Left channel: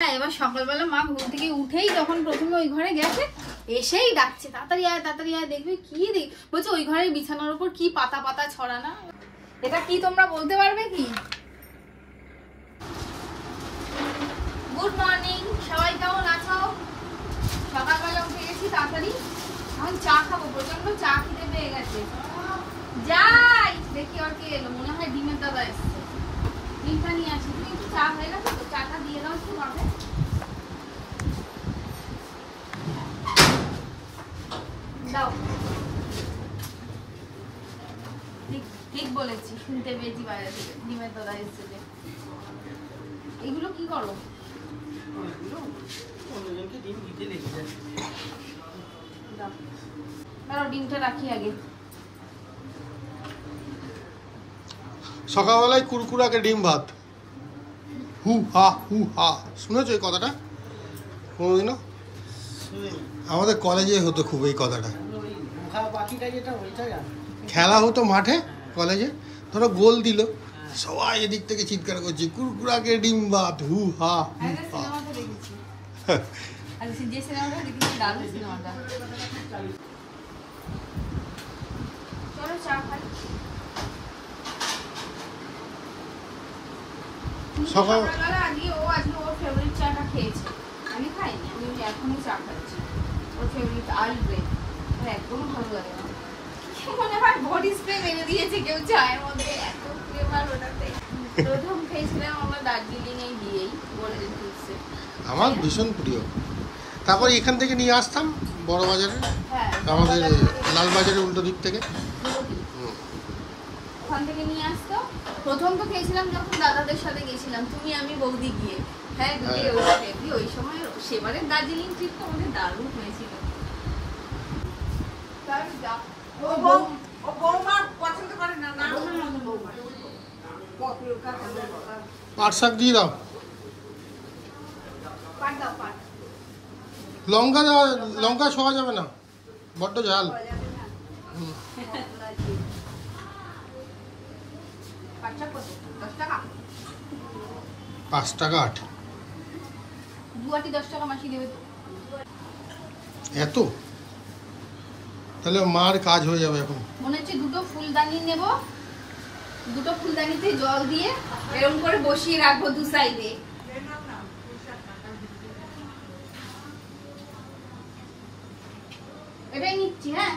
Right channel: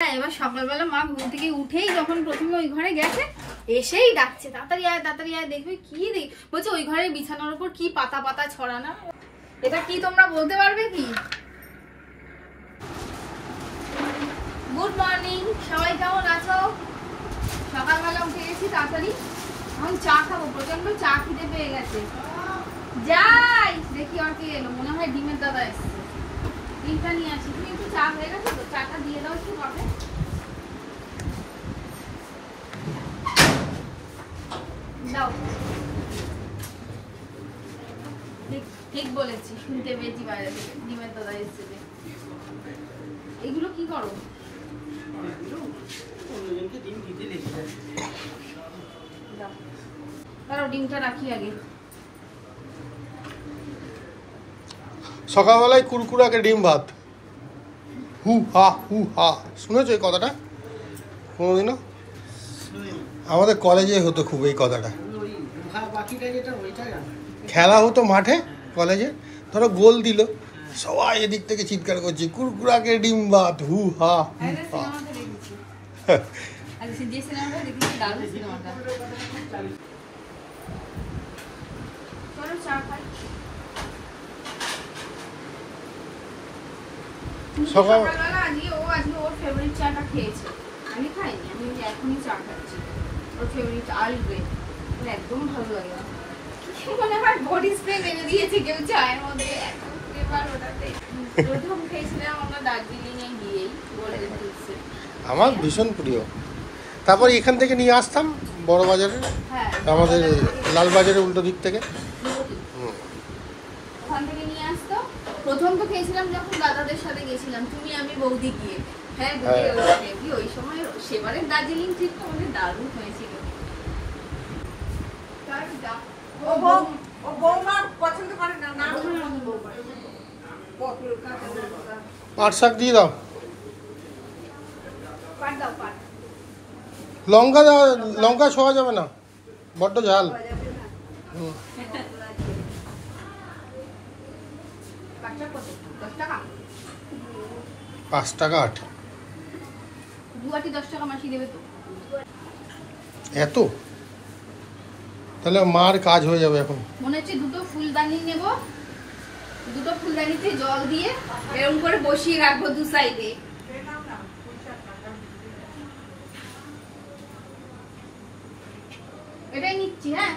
এবার সকালবেলা মা ঘুম থেকে উঠেই যখন প্রথমে ওই ঘরে গেছে এসেই ডাকছে তাড়াতাড়ি আয় দেখবি কি বলছে ওই ঘরের বিছানার উপর কি পাতা পাতা ছড়ানো। এটা কি তোমরা বলতে পারবে কি? গুড মর্নিং, সবাই কেমন আছো? সকালবেলা উঠে গেছি তাড়াতাড়ি, এখন চা খাবো, প্রচন্ড চা খেতে পেয়ে গেছে। যাই দেখি আর কি এলো, মনে হয় ডিমের দাদা এসছে, ডিমটা নিয়ে আসি। তুমি একটু চা হয়ে গেছে তো, চাটা দিয়ে দাও একটু হবে। দাও, ঠিক বলেছি, শুনতে পেয়েছি বাইরে থেকে ডিমের দাদা এসছে। এগুলো কি করো? ডিমটা রাখি আগে। সকালবেলায় কুরকুরাকে ডিম ভাত, হু হা, শুনেছো এই কথাটা কোনোদিনও? আমাদের কলেজে হতো খুব এই কথাটা, খেলা হতো মাঠে কলেজে, ধরো গোল দিল, সবাই এদিক থেকে চিৎকার করছে কুরকুরাকে ডিম ভাত, হু হা। সকালবেলা আজকে ওর ফেভারিট চাটা খেয়েছে, আমি খাইনি, আমি এখনই চা খাচ্ছি। ওর ফেভারিট আর্ল গ্রে, একদম ভালো লাগে না, মনে হয় বডি স্প্রে মেরে দিয়েছে কেউ চায়ের মধ্যে, এত ফ্লেভার ওটাতে। প্রথম খেয়েছিলাম আমরা দার্জিলিং এ গিয়েই, গোল্ডেন টিপসে, আমার ভীষণ প্রিয়। তারপর এখান থেকে নিয়ে আসতাম বড় বাজারে, আমাদের লালবাজারের উল্টো দিক থেকে, ওখান থেকে নিয়ে আসতো। প্রথম তো খেয়েছিলাম যখন দাদাদের সাথে গেছিলাম, তুমি আমি বৌদি গিয়ে, হ্যাঁ ওই সময় সেবারের দার্জিলিং ট্রিপটা অনেক দারুণ হয়েছিল। পাট শাক দিয়ে দাও, লঙ্কা দাও, লঙ্কা ছোঁয়া যাবে না, বড্ড ঝাল। 5 টাকা 8, 2 আটি 10 টাকা মাসি দেবে তো। এত তাহলে মার কাজ হয়ে যাবে এখন। মনে হচ্ছে দুটো ফুলদানি নেব, দুটো ফুলদানিতে জল দিয়ে এরকম করে বসিয়ে রাখবো দু সাইডে। এটাই নিচ্ছি। হ্যাঁ,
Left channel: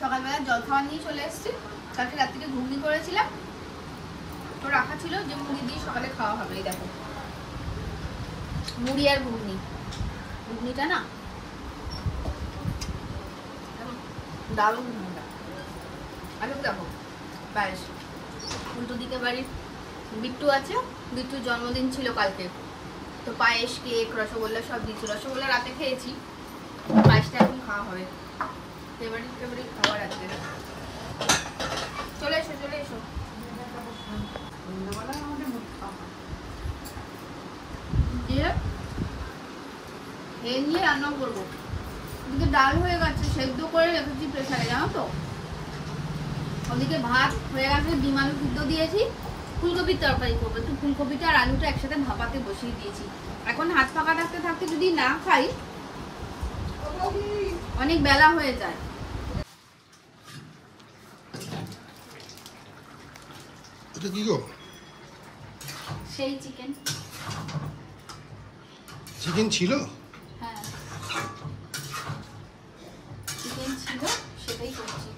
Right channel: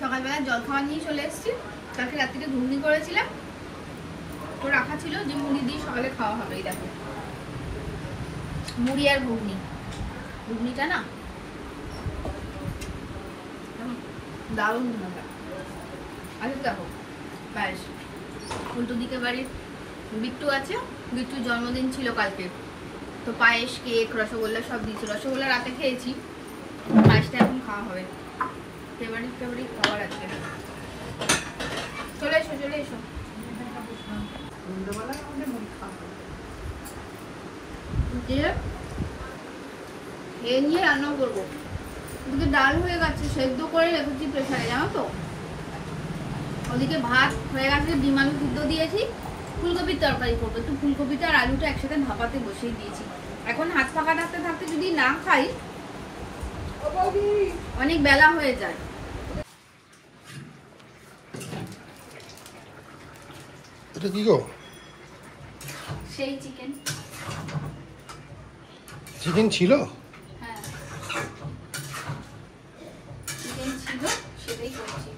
সকালবেলা জল খাওয়া নিয়ে চলে এসেছি। কালকে রাত্রিতে ঘুগনি করেছিলাম, তো রাখা ছিল যে মুড়ি দিয়ে সকালে খাওয়া হবে। এই দেখো, মুড়ি আর ঘুগনিটা না দারুণ মজা। আচ্ছা দেখো, পায়েস, উল্টো দিকে বাড়ির বিট্টু আছে, বিট্টুর জন্মদিন ছিল কালকে, তো পায়েস, কেক, রসগোল্লা সব দিচ্ছিল। রসগোল্লা রাতে খেয়েছি, পায়েসটা এখন খাওয়া হবে। ফেভারিট খাবার আজকে। চলে এসো। এই নিয়ে রান্না করবো। ওদিকে ডাল হয়ে গেছে, সেদ্ধ করে রেখেছি প্রেসারে, জানো তো। ওদিকে ভাত হয়ে গেছে, ডিম আলু সিদ্ধ দিয়েছি, ফুলকপির তরকারি করবো। একটু ফুলকপিটা আর আলুটা একসাথে ভাপাতে বসিয়ে দিয়েছি। এখন হাত পাকা থাকতে যদি না খাই, অনেক বেলা হয়ে যায়। এটা কি গো? সেই চিকেন ছিল? হ্যাঁ, চিকেন ছিল, সেটাই করছি।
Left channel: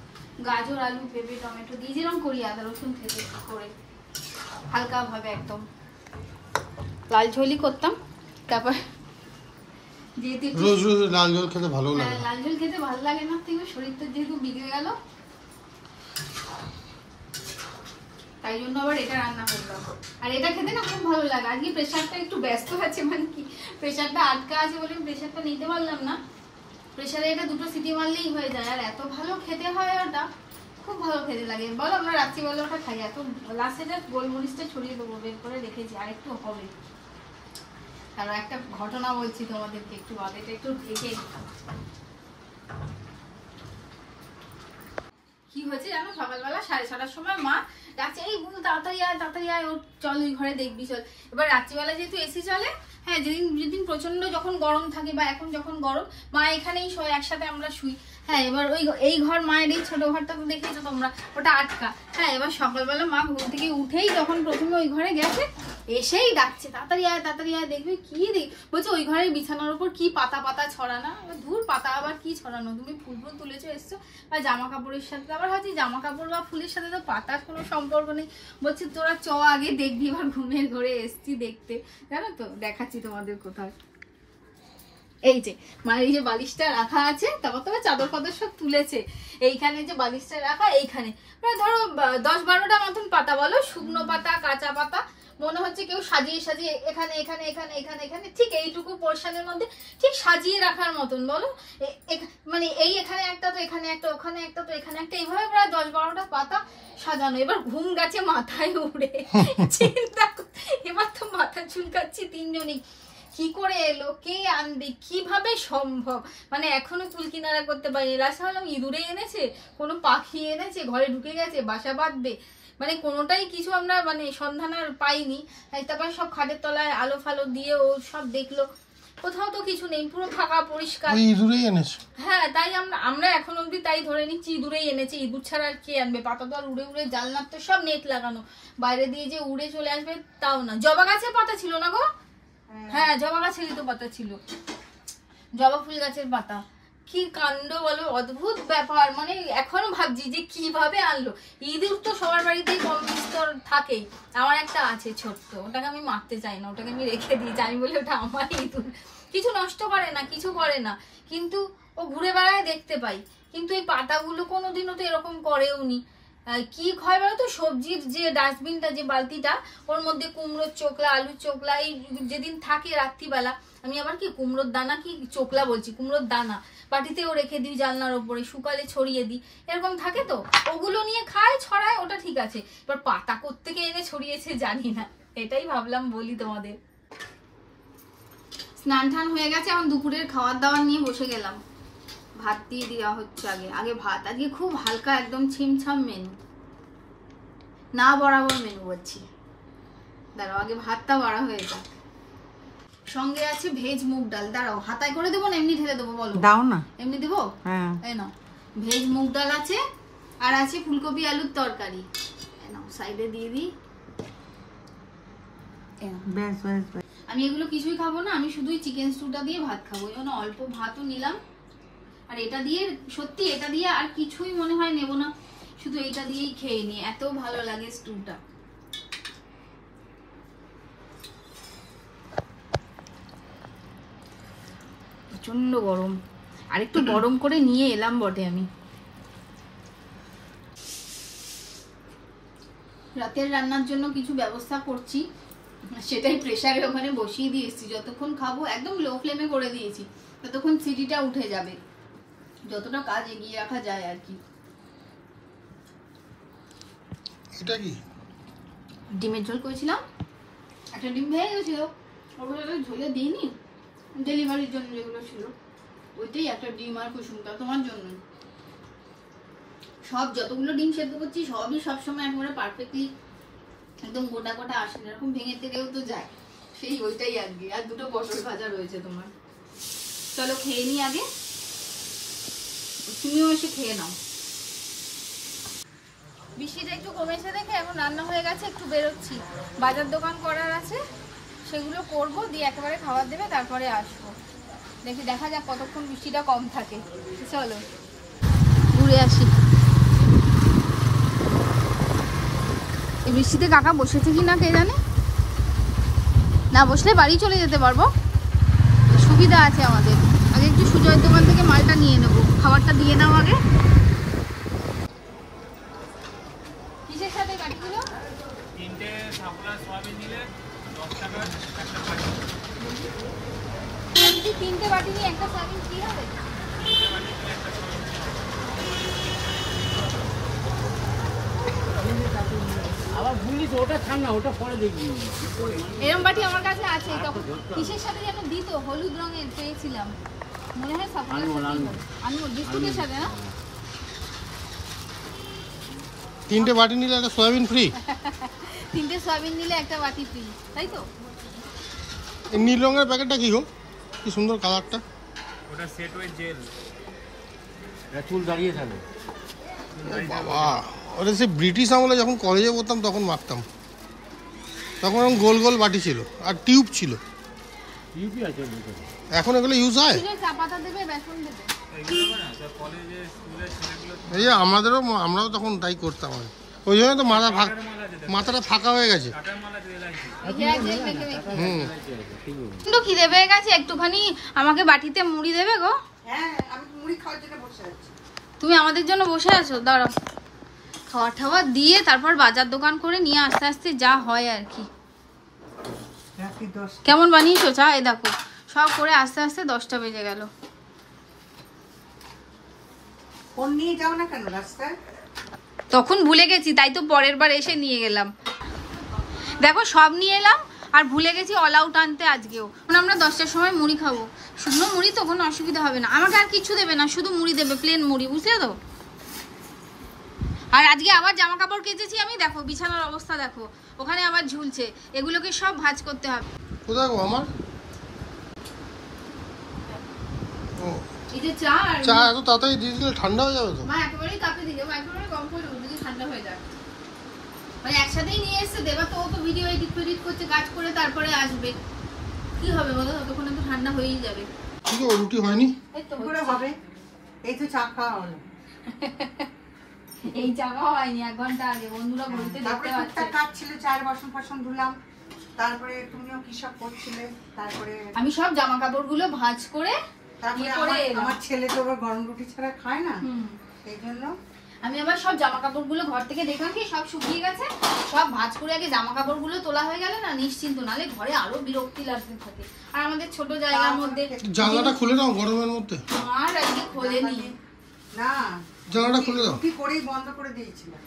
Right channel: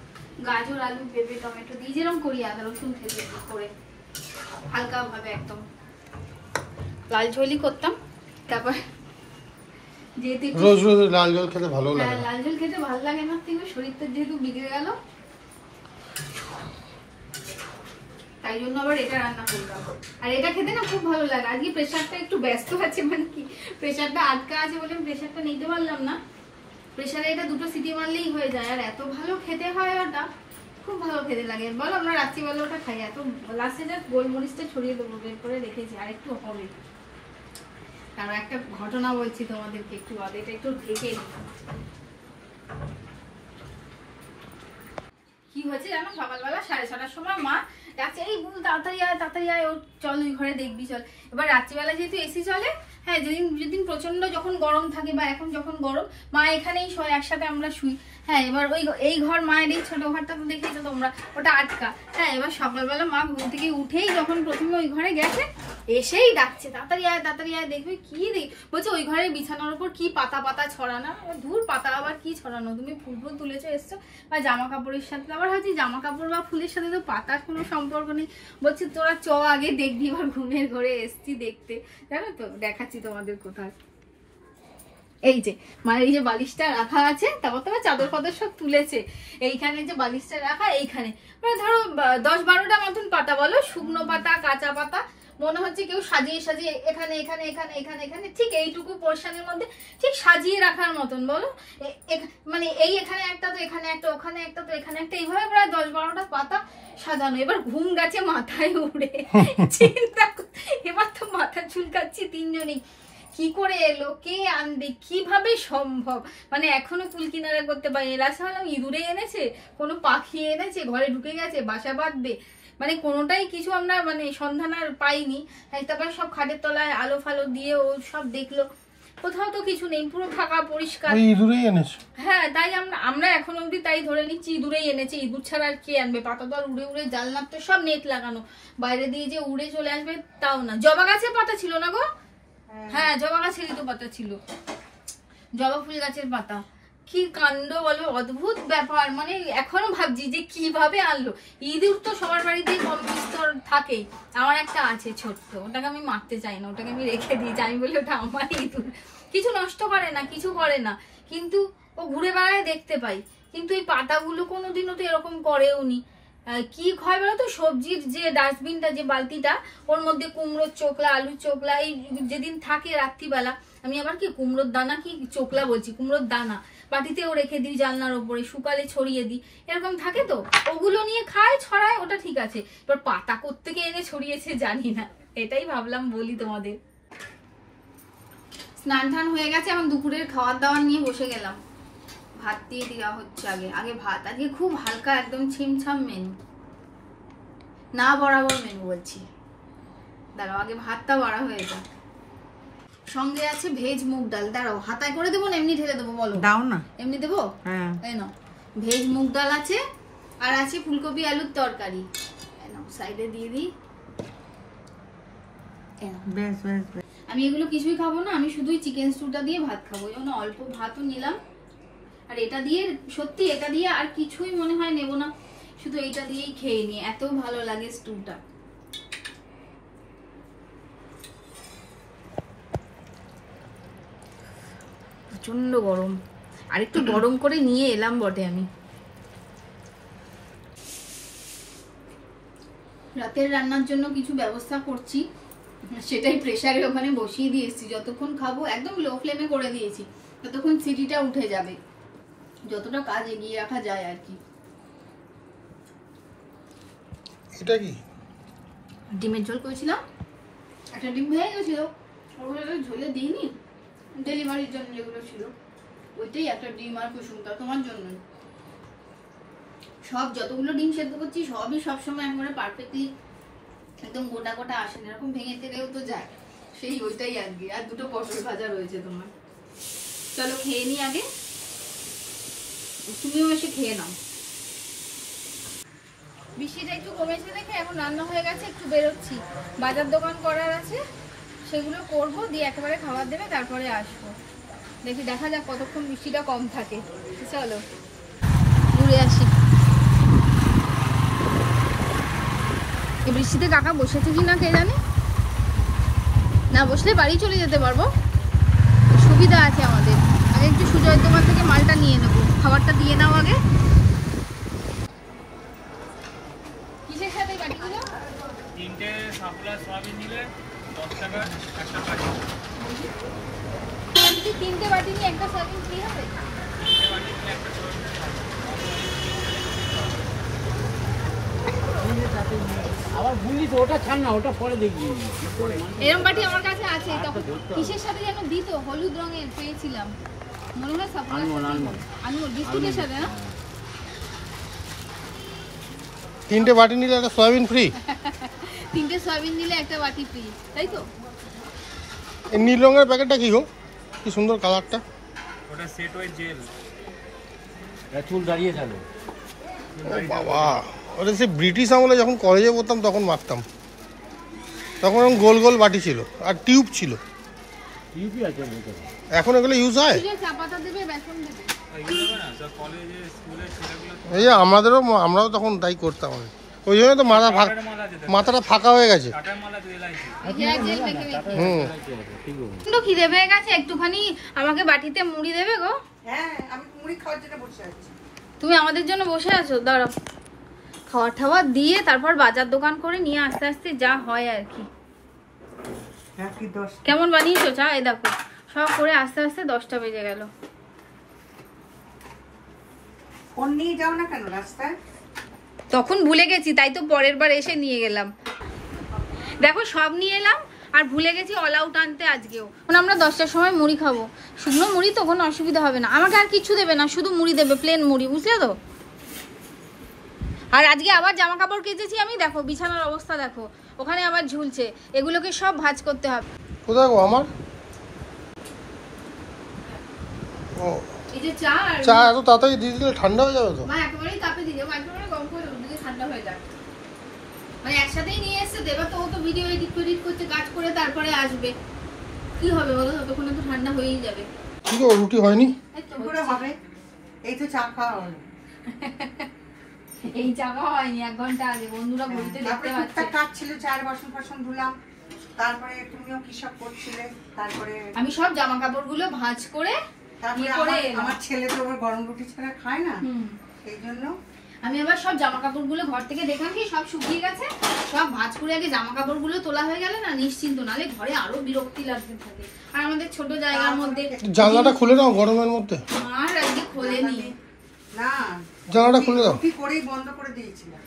গাজর, আলু, পেঁপে, টমেটো দিয়ে যেরকম করি আদা রসুন থেকে করে হালকা ভাবে একদম লাল ঝোলই করতাম। তারপর যেহেতু রোজ লাল জল খেতে ভালো লাগে না, লাল ঝোল খেতে ভালো লাগে না, কিন্তু শরীরটা যেহেতু বিগড়ে গেল, তাই জন্য আবার এটা রান্না করলাম। আর এটা খেতে না খুব ভালো লাগে। আজকে প্রেসারটা একটু ব্যস্ত আছে, মানে কি প্রেসারটা আটকা আছে বলে প্রেসারটা নিতে পারলাম না। প্রেসারে এটা 2টো সিটি মারলেই হয়ে যায়, আর এত ভালো খেতে হয়, ওটা খুব ভালো খেতে লাগে। বলো, আমরা রাত্রিবেলা ওটা খাই। এত লাস্টে গোলমরিচটা ছড়িয়ে দেবো, বের করে রেখেছি, আর একটু হবে। আর একটা ঘটনা বলছি তোমাদেরকে একটু বাদে, এটা একটু ঢেকে। কি হয়েছে জানো, সকালবেলা 6:30টার সময় মা ডাকছে, এই বল তাড়াতাড়ি আয়, ওর চল ওই ঘরে দেখবি চল। এবার রাত্রিবেলা যেহেতু এসি চলে, হ্যাঁ যেদিন যেদিন প্রচন্ড যখন গরম থাকে বা এখন যখন গরম, মা এখানেই শোয়, একসাথে আমরা শুই। হ্যাঁ এবার ওই এই ঘর মায়ের এই ছোট ঘরটা তো দেখেছো তোমরা, ওটা আটকা। হ্যাঁ এবার সকালবেলা মা ঘুম থেকে উঠেই যখন প্রথমে ওই ঘরে গেছে, এসেই ডাকছে তাড়াতাড়ি আয় দেখবে কি বলছে ওই ঘরের বিছানার উপর কি পাতা পাতা ছড়ানো। ধুর পাতা আবার কি ছড়ানো, তুমি ফুল ফুল তুলেছো এসছো, বা জামা কাপড়ের সাথে। আবার ভাবছি জামা কাপড় বা ফুলের সাথে তো পাতার কোনো সম্পর্ক নেই। বলছে তোরা চ আগে দেখবি, এবার ঘুমের ঘরে এসছি দেখতে, জানো তো দেখাচ্ছি তোমাদের কোথায়। এই যে মানে এই যে বালিশটা রাখা আছে, তারপর তোমার চাদর ফাদর সব তুলেছে, এইখানে যে বালিশটা রাখা, এইখানে মানে ধরো 10-12টা মতন পাতা, বলো শুকনো পাতা কাঁচা পাতা, মনে হচ্ছে কেউ সাজিয়ে সাজিয়ে এখানে এখানে এখানে এখানে এখানে ঠিক এইটুকু পোর্শনের মধ্যে ঠিক সাজিয়ে রাখার মতন, বলো মানে এই এখানে একটা তো এখানে একটা, ওখানে একটা তো এখানে একটা, এইভাবে প্রায় 10-12টা পাতা সাজানো। এবার ঘুম গেছে মাথায় উড়ে, চিন্তা এবার তো মাথা চুলকাচ্ছি তিনজনেই, কি করে এলো, কে আনবে, কিভাবে সম্ভব, মানে এখনো কুল কিনারা করতে পারিনি। লাস্ট হলাম ইঁদুরে এনেছে, কোনো পাখি এনেছে, ঘরে ঢুকে গেছে, বাসা বাঁধবে, মানে কোনোটাই কিছু আমরা মানে সন্ধান আর পাইনি। তারপরে সব খাটের তলায় আলো ফালো দিয়ে ও সব দেখলো, কোথাও তো কিছু নেই, পুরো ফাঁকা পরিষ্কার। ইঁদুরেই এনেছে। হ্যাঁ তাই আমরা এখন অব্দি তাই ধরে নিচ্ছি ইঁদুরেই এনেছে, ইঁদুর ছাড়া আর কে আনবে। পাতা তো আর উড়ে উড়ে, জানলার তো সব নেট লাগানো, বাইরে দিয়ে যে উড়ে চলে আসবে তাও না। জবা গাছের পাতা ছিল না গো, হ্যাঁ জবা গাছেরই তো পাতা ছিল, জবা ফুল গাছের পাতা। কি কাণ্ড বলো, অদ্ভুত ব্যাপার। মানে এখনো ভাবছি যে কিভাবে আনলো। ইঁদুর তো সবার বাড়িতেই কম বিস্তর থাকেই, আমার একটা আছে ছোট্ট, ওটাকে আমি মারতে চাই না, ওটাকে আমি রেখে দিয়েছি, আমি বলি ওটা আমার ইঁদুর, কিছু নষ্ট করে না, কিছু করে না, কিন্তু ও ঘুরে বেড়ায় দেখতে পাই। কিন্তু এই পাতাগুলো কোনোদিনও তো এরকম করেও নি। কি হয় বলো তো, সবজির যে ডাস্টবিনটা, যে বালতিটা, ওর মধ্যে কুমড়োর চোকলা, আলুর চোকলা, এই যেদিন থাকে রাত্রিবেলা, আমি আবার কি কুমড়োর দানা, কি চোকলা বলছি, কুমড়োর দানা বাটিতেও রেখে দিই, জানলার ওপরে শুকালে ছড়িয়ে দিই, এরকম থাকে তো, ওগুলো নিয়ে খায় ছড়ায়, ওটা ঠিক আছে। এবার পাতা কোত্থেকে এনে ছড়িয়েছে জানি না, এটাই ভাবলাম বলি তোমাদের। স্নান টান হয়ে গেছে, এখন দুপুরের খাবার দাবার নিয়ে বসে গেলাম। ভাত দিয়ে দেওয়া হচ্ছে, আগে ভাত। আজকে খুব হালকা একদম ছিমছাম মেনু, না বরাবর মেনু বলছি। দাঁড়াও আগে ভাতটা বাড়া হয়ে যায়। সঙ্গে আছে ভেজ মুগ ডাল, দাঁড়াও হাতায় করে দেবো না এমনি ঢেলে দেবো, বলো দাও না, এমনি দেবো, হ্যাঁ এই নাও ভেজ মুগ ডাল আছে, আর আছে ফুলকপি আলুর তরকারি, নাও সাইডে দিয়ে দিই। আমি এগুলো কিছুই খাবো না, আমি শুধুই চিকেন স্টুটা দিয়ে ভাত খাবো, এই জন্য অল্প ভাতও নিলাম। আর এটা দিয়ে সত্যি, এটা দিয়ে আর কিছুই মনে হয় নেবো না, শুধু এটা দিয়েই খেয়ে নি, এত ভালো লাগে স্টুটা। প্রচন্ড গরম, আর একটু গরম করে নিয়ে এলাম বটে আমি। রাতের রান্নার জন্য কিছু ব্যবস্থা করছি, সেটাই প্রেসারের ওখানে বসিয়ে দিয়েছি। যতক্ষণ খাবো একদম লো ফ্লেমে করে দিয়েছি, ততক্ষণ সিটিটা উঠে যাবে, যতটা কাজ এগিয়ে রাখা যায় আর কি। এটা কি ডিমের ঝোল করেছিলাম, একটা ডিম ভেঙে গেছিল, ওগুলো ঝোলে দিইনি, ডেলিভারির জন্য যেগুলো ছিল, ওইটাই একটা ডিম আর কুসুমটা তোমার জন্য। সব যতগুলো ডিম সেদ্ধ করছি সবই সবসময় একেবারে পারফেক্টলি একদম গোটা গোটা আসে না, এরকম ভেঙে টেরেও তো যায়, সেই ওইটাই আর কি। আর দুটো পটল ভাজা রয়েছে তোমার। চলো খেয়ে নি আগে, তুমিও এসে খেয়ে নাও। বৃষ্টিটা একটু কমেছে দেখে এখন রান্না হয়ে গেছে, একটু বেরোচ্ছি, বাজার দোকান করার আছে, সেগুলো করবো, দিয়ে একেবারে খাবার দেবে, তারপরে আসবো। দেখা যাক কতক্ষণ বৃষ্টিটা কম থাকে। চলো ঘুরে আসি। এই বৃষ্টিতে কাকা বসেছে কি না কে জানে, না বসলে বাড়ি চলে যেতে পারবো, সুবিধা আছে আমাদের। আগে একটু সুজয়ের দোকান থেকে মালটা নিয়ে নেবো, খাবারটা দিয়ে নাও আগে। কিসের সাথে বাটিগুলো? তিনটে সাপোলা সয়াবিন নিলে 10 টাকার একটা বাটি। যদি তিনটে বাটি নিয়ে একটা সয়াবিন ফ্রি হবে? তিনটে বাটি নিলে একটা সয়াবিন ফ্রি হবে। আবার বুঝলি তো, ওটা ছাড় না, ওটা পরে দেখবি। এরকম বাটি আমার কাছে আছে, তখন কিসের সাথে যেন দিত, হলুদ রঙের পেয়েছিলাম, মনে হয় সাপোলা আনমোল বিস্কুটের সাথে না। তিনটে বাটি নিলে একটা সয়াবিন ফ্রি। তিনটে সয়াবিন নিলে একটা বাটি ফ্রি, তাই তো? এই নীল রঙের প্যাকেটটা কি গো? কি সুন্দর কালারটা। ওটা সেট ওয়াইজ জেল। চুল দাঁড়িয়ে থাকে। বাবা, ওটা সে ব্রিটিশ আমলে যখন কলেজে পড়তাম তখন মারতাম। তখন এরকম গোল গোল বাটি ছিল আর টিউব ছিল। ইউপি আছে ভিতরে। এখন এগুলো ইউজ হয়? চা পাতা দেবে, বেসন দেবে। এগুলো হবে না সব কলেজে স্কুলের ছেলেগুলো তো এই যে আমরাও তখন তাই করতাম। ওই জন্য তো টাটার মাল আছে দেখো। মাথাটা ফাঁকা হয়ে গেছে। টাটার মাল আছে এলআইসি। হুম। কিন্তু খিদে পেয়ে গেছে, একটুখানি আমাকে বাটিতে মুড়ি দেবে গো? হ্যাঁ, আমি মুড়ি খাওয়ার জন্য বসে আছি। তুমি আমাদের জন্য বসে আছো? দাঁড়াও, খাওয়া ঠাওয়া দিয়ে তারপর বাজার দোকান করে নিয়ে আস্তে আস্তে যা হয় আর কি। রাত্রি 10। কেমন বানিয়েছো চা? এ দেখো সব করে আস্তে আস্তে 10টা বেজে গেল। ফোন নিয়ে যাও না কেন রাস্তায়? তখন ভুলে গেছি, তাই তো পরের বার এসে নিয়ে গেলাম। দেখো সব নিয়ে এলাম আর ভুলে গেছি অল আউট আনতে আজকেও। মানে আমরা 10টার সময় মুড়ি খাবো, শুকনো মুড়ি তো কোনো অসুবিধা হবে না। আমাকে আর কিছু দেবে না, শুধু মুড়ি দেবে, প্লেন মুড়ি, বুঝলে তো? আর আজকে আবার জামা কাপড় কেচেছি আমি, দেখো বিছানার অবস্থা দেখো, ওখানে আবার ঝুলছে। এগুলোকে সব ভাঁজ করতে হবে। কোথায় গো আমার? ও, এই যে চা আর চা এত তাড়াতাড়ি দিয়ে দিলে ঠান্ডা হয়ে যাবে তো। মা একেবারেই তাপে দিকে, একেবারে গরম করে দেবো, যদি ঠান্ডা হয়ে যায়। মানে একসাথেই নিয়ে এসছে দেবা, তো ও তো ভিডিও এডিট করতে কাজ করে তারপরে আসবে, কি হবে বলো? ততক্ষণে তো ঠান্ডা হয়েই যাবে। কি গো, রুটি হয়নি? এই তো কি করে হবে? এই তো চা খাওয়া হলো। এই জামা হয়নি 1 ঘন্টা আগে, বন্ধুরা ঘুরতে দেখতে তারপরে পাচ্ছে। টুকটাক কাজ ছিল, চায়ের বাসন ধুলাম। তারপরে তুমিও কি সব করছিলে। তারপরে আমি সব জামা কাপড়গুলো ভাঁজ করে আমার ছেলে তো আবার গরম রুটি ছাড়া খায় না, এই জন্য আমি আবার সব জামা কাপড়গুলো ঘর থেকে দেখলাম কি সব শুকিয়ে গেছে, সব ভাঁজ করে আগে জামা কাপড়গুলো তোলা হয়ে গেলে না নিশ্চিন্ত, নালে ঘরে আরো বিরক্তি লাগতে থাকে। আর আমাদের ছোট জায়গার মধ্যে জানলাটা খুলে দাও গরমের মধ্যে। আর আজকে খোলেনি না, জানলাটা খুলে দাও। রুটি করেই বন্ধ করে দিয়েছিলাম।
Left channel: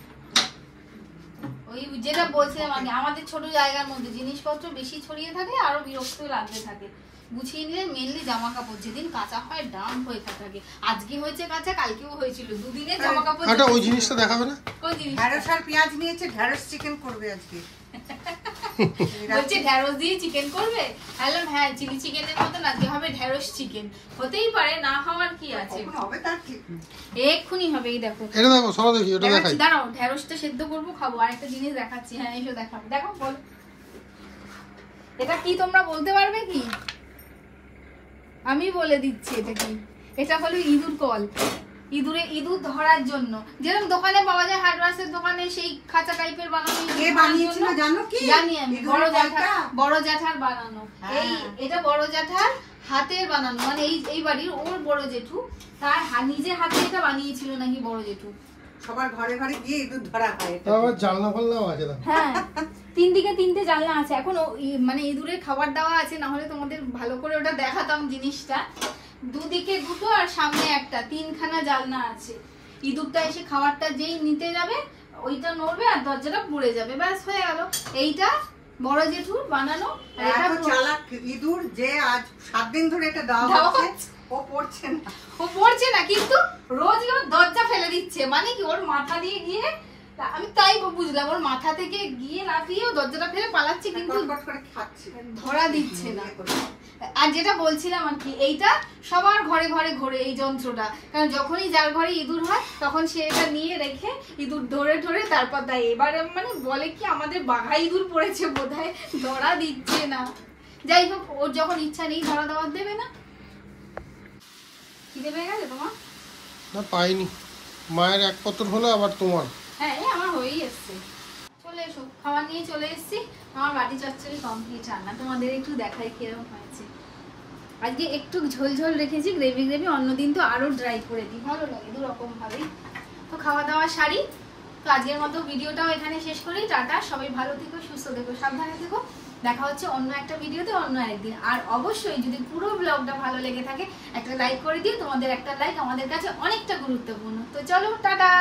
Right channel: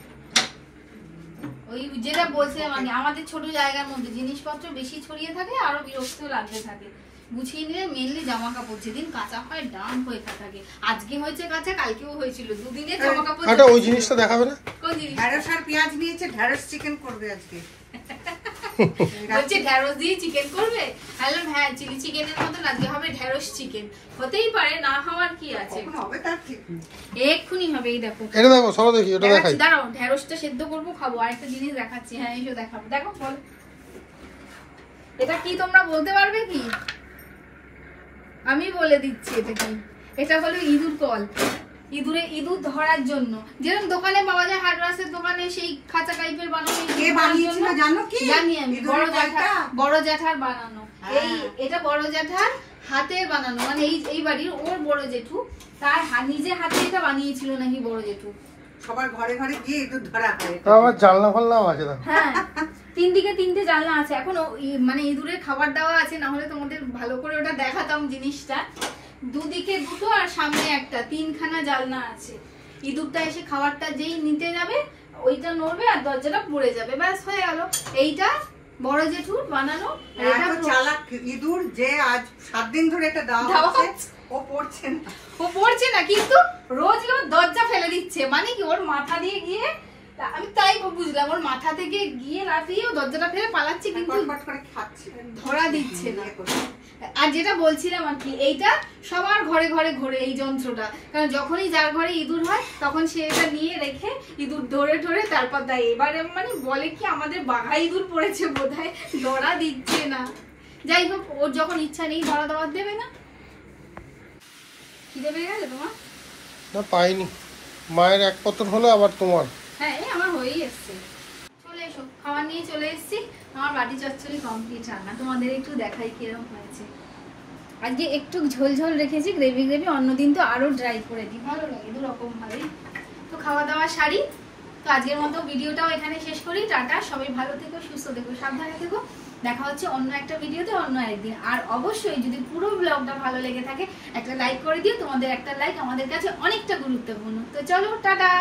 ওই যেটা বলছে, মানে আমাদের ছোট জায়গার মধ্যে জিনিসপত্র বেশি ছড়িয়ে থাকলে আরো বিরক্ত লাগতে থাকে। গুছিয়ে নিলে মেনলি জামা কাপড় যেদিন কাঁচা হয় ডাম হয়ে থাকে। আজকে হয়েছে কাঁচা, কালকেও হয়েছিল, দুদিনে জামা কাপড়। আচ্ছা, ওই জিনিসটা দেখাবে না? কোন জিনিস? ঢেঁড়স আর পেঁয়াজ নিয়েছে, ঢেঁড়স চিকেন করবে আজকে। বলছে ঢেঁড়স দিয়ে চিকেন করবে। বললাম হ্যাঁ, চিলি চিকেনের মতন আজকে হবে ঢেঁড়স চিকেন। হতেই পারে, না হওয়ার কি আছে? কখন হবে তার ঠিক নেই। এক্ষুনি হবে। এই দেখো এটা দেখো, সরো দেখি, এটা দেখাই। দেখাচ্ছি, দাঁড়াও, ঢেঁড়সটা সেদ্ধ করবো, খাবো। আর একটা জিনিস দেখাচ্ছি, হ্যাঁ এসো দেখাবো। দেখো বল, এটা কি তোমরা বলতে পারবে কি? আমি বলে দিচ্ছি এটা কি। এটা হলো ইঁদুর কল। ইঁদুর ধরার জন্য যেরকম দোকানে পাওয়া যায়, হার্ডওয়্যারের দোকানে সেই খাঁচা টাইপের বানানো। কে বানিয়েছিল জানো কি? জানি আমি, বড় জ্যাঠার বানানো। হ্যাঁ। এটা বড় জ্যাঠার হাতের বানানো, মানে এই বাড়ির ওর বড় জেঠু তার নিজের হাতে এটা বানিয়েছিল নাকি বড় জেঠু। সবার ঘরে ঘরে গিয়ে ইঁদুর ধরা হয়। তাও আবার জানলা ফাল্লাও আছে। হ্যাঁ, 3 দিকে 3টে জানলা আছে। এখন মানে ইঁদুরের খাবার দেওয়া আছে, না হলে তোমাদের ভালো করে ওটা দেখাতাম জিনিসটা। দুদিকে 2টো আর সামনে একটা, 3খানা জানলা আছে। ইঁদুরটা এসে খাবারটা যেই নিতে যাবে ওইটা নড়বে আর দরজাটা পড়ে যাবে, ব্যাস হয়ে গেল। এইটা বড় জেঠুর বানানো। এত চালাক ইঁদুর যে আজ 7 দিন ধরে এটা দেওয়া হচ্ছে, ও পড়ছে না। ও পড়ছে না, কিন্তু রোজ দরজা ফেলে দিচ্ছে। মানে কি ওর মাথা দিয়ে গিয়ে, আমি তাই বুঝলাম, ওর মাথা থেকে গিয়ে লাফিয়ে দরজাটা ফেলে পালাচ্ছে, কিন্তু ধরা দিচ্ছে না। আর যেটা বলছিলাম আর কি, এইটা সবার ঘরে ঘরে ঘোরে এই যন্ত্রটা, কারণ যখনই যার ঘরে ইঁদুর হয় তখন সে এটা নিয়ে রেখে ইঁদুর ধরে ধরে তারপর দেয়। এবারে মানে বলে কি আমাদের বাঘা ইঁদুর পড়েছে বোধহয়, ধরা দিচ্ছে না। যাই হোক, ওর যখন ইচ্ছা নেই ধরা দেওয়ার দেবে না। খিদে পেয়ে গেছে তোমার? না, পাইনি। মায়ের এক পত্র হলো, আবার তোমার। হ্যাঁ, আমার হয়েই এসছে। চলে এসো, খাবার নিয়ে চলে এসেছি। আমার বাটি চচ্চড়ি কমপ্লিট রান্না, তোমাদের একটু দেখাই কিরকম হয়েছে। আজকে একটু ঝোল ঝোল রেখেছি, গ্রেভি, অন্যদিন তো আরো ড্রাই করে দিই, ভালো লাগে দুরকম ভাবেই। তো খাওয়া দাওয়া সারি। তো আজকের মতো ভিডিওটাও এখানে শেষ করি। টাটা, সবাই ভালো থেকো, সুস্থ থেকো, সাবধানে থেকো। দেখা হচ্ছে অন্য একটা ভিডিওতে অন্য একদিন। আর অবশ্যই যদি পুরো ব্লগটা ভালো লেগে থাকে একটা লাইক করে দিও। তোমাদের একটা লাইক আমাদের কাছে অনেকটা গুরুত্বপূর্ণ। তো চলো, টাটা।